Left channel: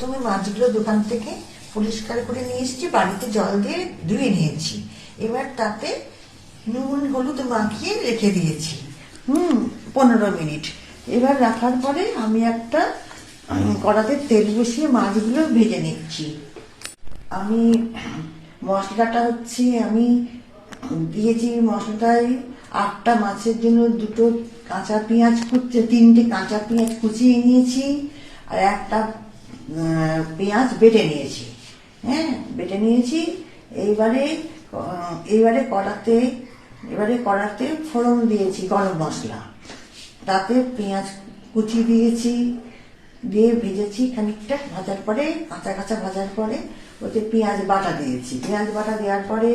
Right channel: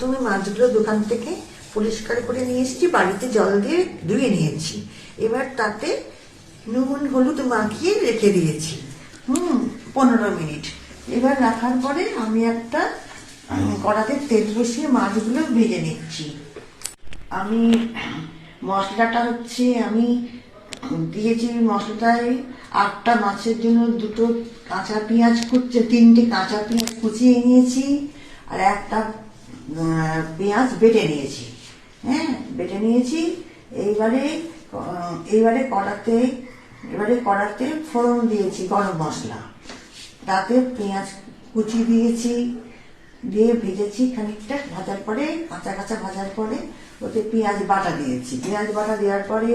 প্রথমে মাছগুলো দোকান থেকে পরিষ্কার করে নিয়ে এসেছি, বাড়িতে জল দিয়ে ধুয়ে নিয়েছি। এবার তাতে নুন হলুদ মাখিয়ে রেখে দিয়েছি 15 মিনিট। এবার রাখার পরে আমি একটা কড়াতে তেল বসিয়ে মাছগুলো ভেজে নিচ্ছি। আমি মশলাটা হচ্ছে আমি দিয়েছি, মশলাটায় 8টা মাছের জন্য 2টো কাঁচা পেঁয়াজ কুচিয়ে, 3টে কাঁচা পেঁয়াজ কুচিয়ে নিয়েছি, আর একটা পেঁয়াজ বেটে নিয়েছি। হ্যাঁ, বেটে নিয়েছি। এইবারে কড়াতে ফোড়ন দিয়েছি গরম মশলা, তাতে পেঁয়াজ কুচি দিয়েছি, দিয়ে ভেজেছি খানিকটা। ভাজার পরে কাঁচা ভাজার পরে ওতে পেঁয়াজ বাটা দিয়েছি। পেঁয়াজ বাটা দেওয়ার পরে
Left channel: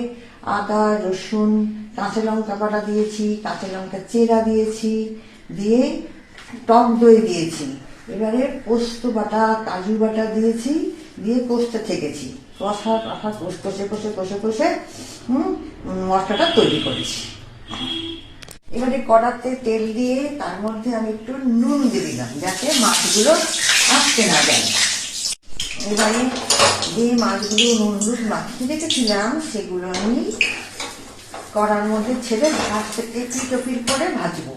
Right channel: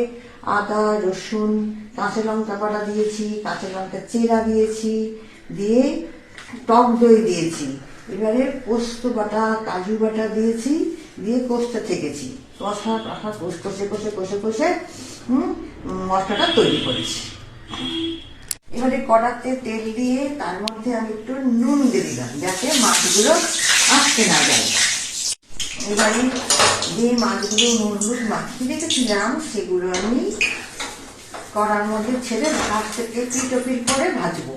আদা রসুন কাঁচা লঙ্কা বাটা দিয়েছি, কাঁচা লঙ্কা চেরা দিয়েছি, দিয়ে টক দই দিয়েছি। এবারে পোস্ত বাটা কাজু বাটা দিয়েছি, দিয়ে কষতে থেকেছি। কষে মশলাটা তৈরি করেছি। এবারে কড়াতে তেল দিয়ে তার মধ্যে আমি একটু নুন দিয়ে দিলাম, যাতে মাছগুলো আটকে না যায়। এবারে যে মাছগুলো নুন হলুদ মাখিয়ে রেখেছিলাম সেগুলো আমি কড়ার মধ্যে ছেড়ে পিট করে ভাজবো।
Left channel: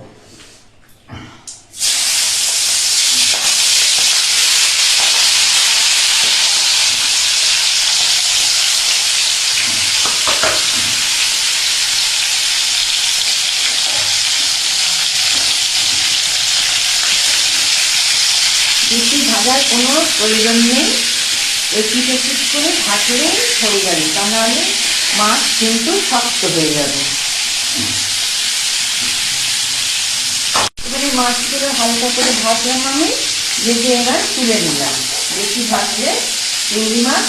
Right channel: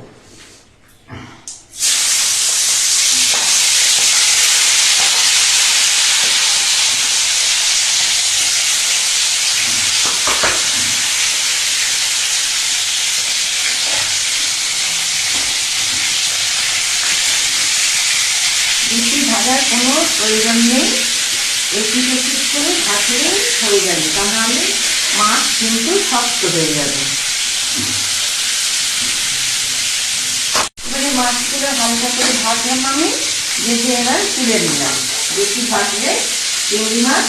বেশি ভাজার কোনো প্রয়োজন নেই, একটু করে ভাজলে হয়ে যাবে, তা নাহলে মাছ কিন্তু শক্ত হয়ে যাবে। এবারে মাছগুলো হালকা করে ভাজলাম আমি, ভেজে এবার তুলে নিলাম। বেশি ভাজলে চিংড়ি মাছ